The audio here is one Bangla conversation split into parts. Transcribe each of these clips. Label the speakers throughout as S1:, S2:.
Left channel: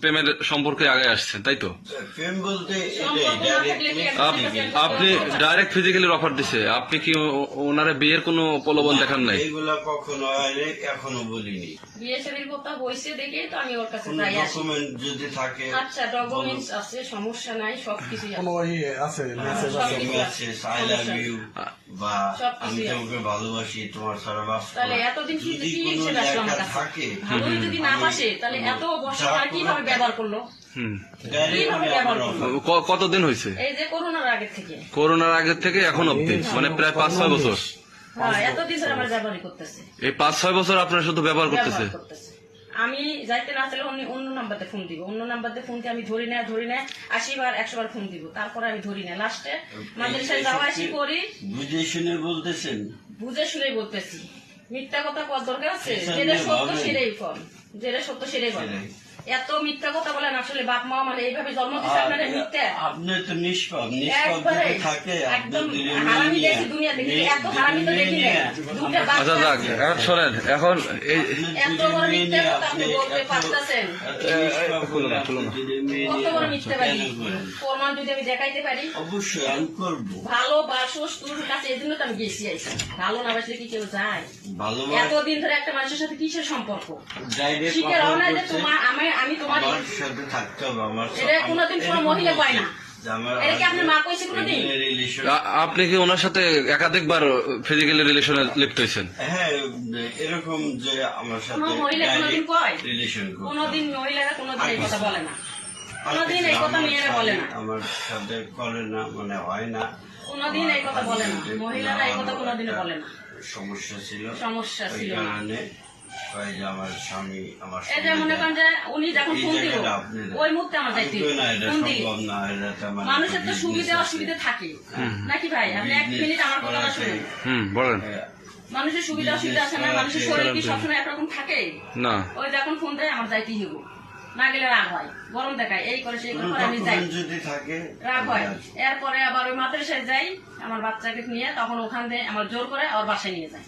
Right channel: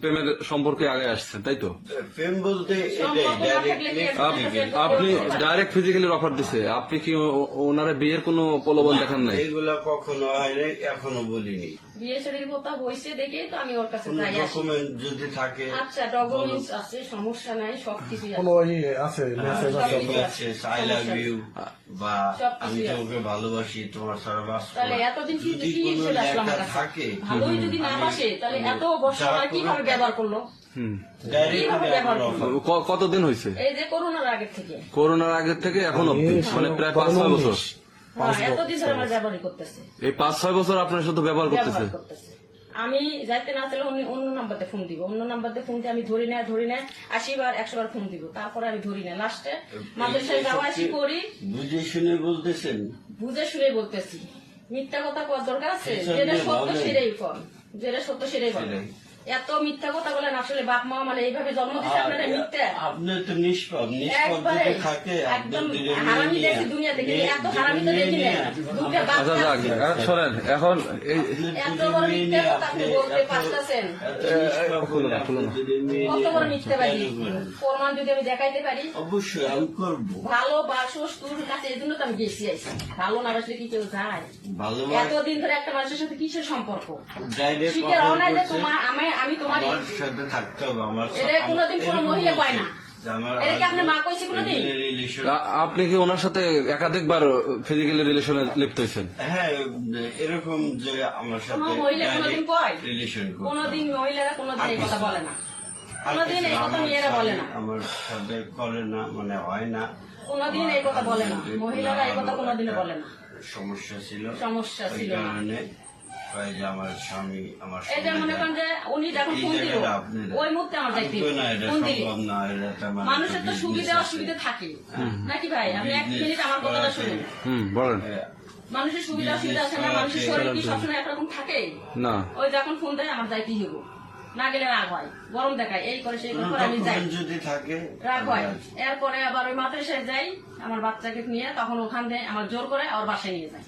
S1: প্রেমের সম্পর্কে আগে আসছেন তাই তো?
S2: প্রেম বলতে
S1: আপনি ডাইরেক্ট ফিজিক্যালি অফার দিছে। আপনি কি ওনারা বিয়ের কোনো প্রলোভন দেখান নাই?
S2: এগুলা কখনো হয়নি এখনও বলিনি।
S3: বিয়ে শাদীর কথা দেখে তো আমি ওর কাছে যাই
S2: ডকুমেন্ট যদি থাকে
S3: আচ্ছা ডকুমেন্টস আছে সমস্যা নাই সবকিছু আছে।
S4: আছে মেসেজ আছে।
S2: মেসেজ আই লাভ ইউ বা আমি তোমাকে ভালোবাসি তোমার সারা বাস
S3: তাহলে এতদিন কি কি?
S2: থাকে
S3: যদি না বাসে তাহলে এত কীভাবে ব্যবহার করল?
S1: কতদিন হয়েছে?
S3: এই যে করোনার আগে থেকে।
S1: করোনার আগের থেকে এখন অব্দি মানে প্রায় পাঁচ ছয় বছর।
S3: হ্যাঁ এতদিন ধরে আমার ব্যবহারই করতেছে।
S1: এই পাঁচ ছয় বছর আপনার শুধু ব্যবহার করতেছে।
S3: আমি যাইতে না চাইলে অন্য অন্য নাম্বারতে ফোন দিব। অন্য নাম্বারতে ফোন দিয়ে আমি ধরি না ধরি না আশি বার একশো বার ফোন দিব। তারপরে আমি ধরি না। লাস্টে মাদ্রাসায় যাওয়া আসি করি।
S2: বুঝে শুনে বলতেছেন?
S3: বুঝে শুনে বলতেছি। মিথ্যা কথা কর দরকার আছে।
S2: সেটা
S3: যেটা সত্য সেটাই কর যেটা সত্য সেটাই বল। এত মিথ্যা কথা বলেন আসলে বাপ মা মানে এইভাবে জন্ম দিচ্ছে আপনারা মিথ্যা?
S2: আপনি তো নিষ্পাপ নিষ্পাপ
S3: একবারে
S2: যদি থাকে
S3: একদম হারামি দেখি দুনিয়া দেখি এত হারামি তো দেখি না দুটা
S1: আচ্ছা যাক এখন শোনেন এখন এই
S3: এত বড় মিথ্যা কথা আপনি বলতে পারতেছেন। কত বড় মিথ্যা বাড়ি প্রমাণ যদি আমি দেখাইতে পারি?
S2: অবশ্যই আমি করব।
S3: ভালো বাসস তোর কাছে এই তো আমি গেছি আইসি ভালো না বাসলে কি কেউ যায়?
S2: ভালোবাস
S3: এতদিন ধরে একটা মানুষের সাথে কিসের সম্পর্ক? রওনা তোমার আমি আমি তোমার
S2: সাথে থাকতে হবে আমার
S3: এটা কোনোদিন কোনো মহিলা পায় না।
S2: যে আমার
S3: এটা আপনি মা কইছে কোনোদিন?
S2: রিলেশন
S1: আ- আপনি কি ওনার সাথে একাধিকবার ফিজিক্যালি রিলেশনে লিপ্ত হয়েছেন?
S2: হ্যাঁ এরকম যে আমার সাথে
S3: মহিলা কোনোদিন কয়?
S2: রিলেশন
S3: কোনোদিন মহিলারা কোনোদিন এই কথা বলে না। কোনোদিন এই কথা মেয়েরা বলে না।
S2: আমার সাথে করে না মানে হয় না।
S3: কোনোদিন এই কথা বলে না। মহিলারা এই কথা কোনোদিনও বলে না।
S2: সমস্যা ছিল।
S3: সমস্যা ছিল। না
S2: কারণে কয় যে আমার স্বামী আমার
S3: এই যে মনে করেন যে উনি যখন ফোন দিল
S2: জায়গাটা আপনি দেন।
S3: ওই মুহূর্তে আমার যাইতে
S2: না এটা সম্ভব না এটা একটা মানে
S3: মানুষের তো সুবিধা
S2: আছে।
S3: অসুবিধা থাকে। নাকি ভাই? আপনি এক মিনিট আমার কথাটা শুনুন।
S1: হুম বলেন।
S2: হ্যাঁ,
S3: মানুষের সুবিধা অসুবিধা আছে না মানুষের শরীর কি সবসময় একরকম থাকে?
S1: না।
S3: ওই যখন ফোন দেয় আমার যাইতেই হইব। না গেলে রাগ হয়। গরম দেখায় এই করে সেই করে আমি যাই।
S2: document যদি থাকে
S3: রাগ হয়। এরপরে আবার ওই মাদ্রাসায় যাই আমার বাচ্চাকে নিয়ে তখন ওখান থেকে আমার জোর করে ওর বাসায় নিয়ে যায়।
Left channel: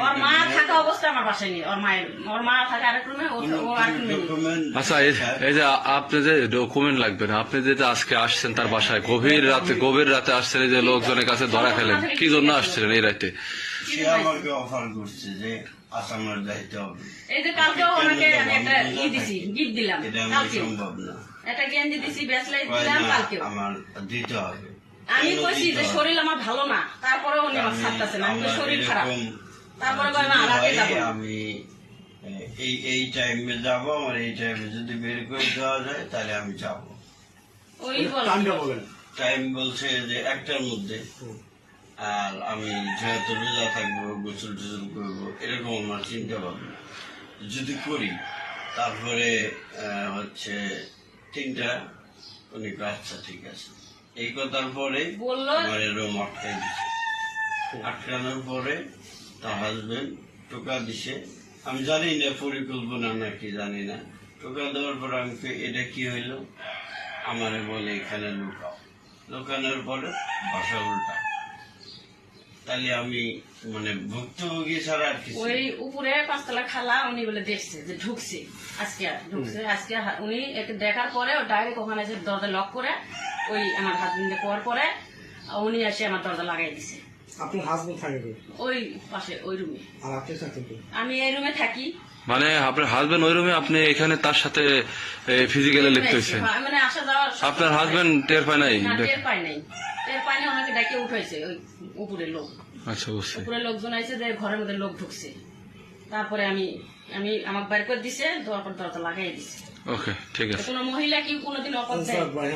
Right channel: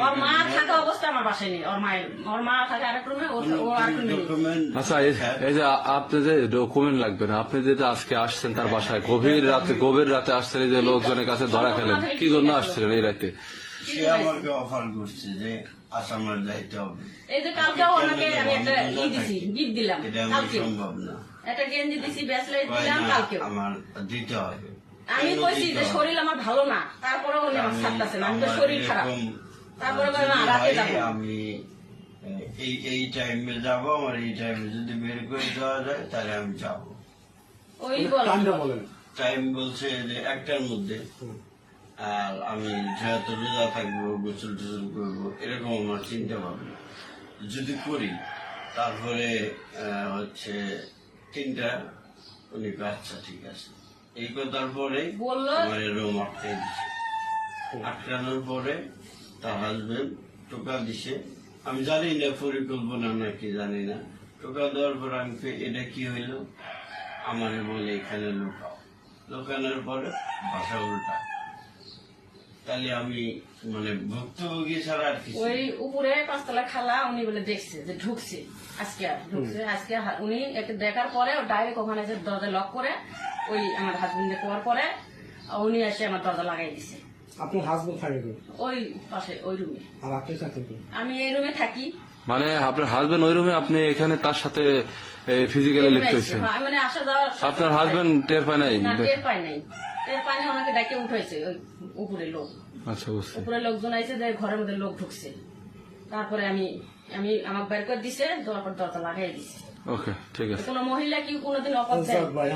S3: ওর মা থাকা অবস্থা আমার বাসায় নিয়ে ওর মায়ের ওর মা থাকে আরেক রুমে ও ও আরেক রুমে।
S1: আচ্ছা এই- এই যে আপনি যে ডকুমেন্ট লাগবে না আপনি যেটা আজকে আসছেন তার বাসায় গভীর রাতে গভীর রাতে আসছেন যে লোকজনের কাছে ধরা খেলেন। কি জন্য আসছিলেন এই রাতে?
S2: সে আমাকে অফার করছে যে আসামের যাইতে হবে।
S3: এই যে কালকেও আমি একটা ই দিছি গিফট দিলাম
S2: এটা সম্ভব না।
S3: একটা গেঞ্জি দিছি ব্যাচলাইট দিলাম কালকে
S2: আমার দিতে হবে।
S3: আমি কইছি যে শরীর আমার ভালো না তারপরে উনি আমার ছাড়তেছে না
S2: আমার
S3: শরীর খারাপ। তারপরে
S2: আমি এই এই টাইমে যাব আমার এই টাইমে যদি বের করে দেওয়া যায় তাহলে আমি যাব।
S3: ওই
S4: বলেন।
S2: টাইম বলছে যে একটার মধ্যে। আর আমি যেহেতু রোজা থাকব গোসল টোসল করব এরকম আমার চিন্তা ভাবনা। যদি করি তারপরে হচ্ছে তিনটা উনি আচ্ছা ঠিক আছে। এই কথার পরে আমার রুম আটকাই দিছে। আটকানোর পরে তার হাজবেন্ড টোকা দিছে। আমি জানি না পরিকল্পনা নাকি জানি না। টোকা দেওয়ার পর আমি এটা কি হইল? আমারে বলে এখানে লুকাও। লুকানোর পরে বাসা উল্টা তাহলে আমি মানে ভুক্তভোগী ছাড়া আর কিছু
S3: ওই উপরে পাঁচতলা খালা উনি বলে দেখছে যে ঢুকছে আজকে ঢুকছে। আজকে উনি দেখার পরে ডাইরেক্ট ওখানে এসে দরজা লক করে ওই আমার হাজবেন্ডে পর পরে উনি এসে আমার দরজা লাগাই দিছে।
S4: আপনার হাজবেন্ড থাকে
S3: ওই পাশে ওই রুমে
S4: আর আপনি থাকেন
S3: আমি এই রুমে থাকি।
S1: মানে আপনার হাজবেন্ড ওই রুমে আপনি এখানে তার সাথে ফিজিক্যালি লিপ্ত হয়েছেন?
S3: মানে আসা যাওয়া
S1: আপনার হাজবেন্ড টের পায় নাই?
S3: টের পাই নাই। পাই নাই ডাকে উঠাইছে ওই উপরে লোক।
S1: আচ্ছা
S3: উপরে লোকজন আইছে যে ঘরের মধ্যে লোক ঢুকছে। তারপরে আমি আমি আমার বাড়ি করে দিছে তারপর দরজা লাগাই দিছে।
S1: ওকে ঠিক আছে।
S3: কোনো মহিলা কি কোনোদিন অপর দেয়
S4: ভাই,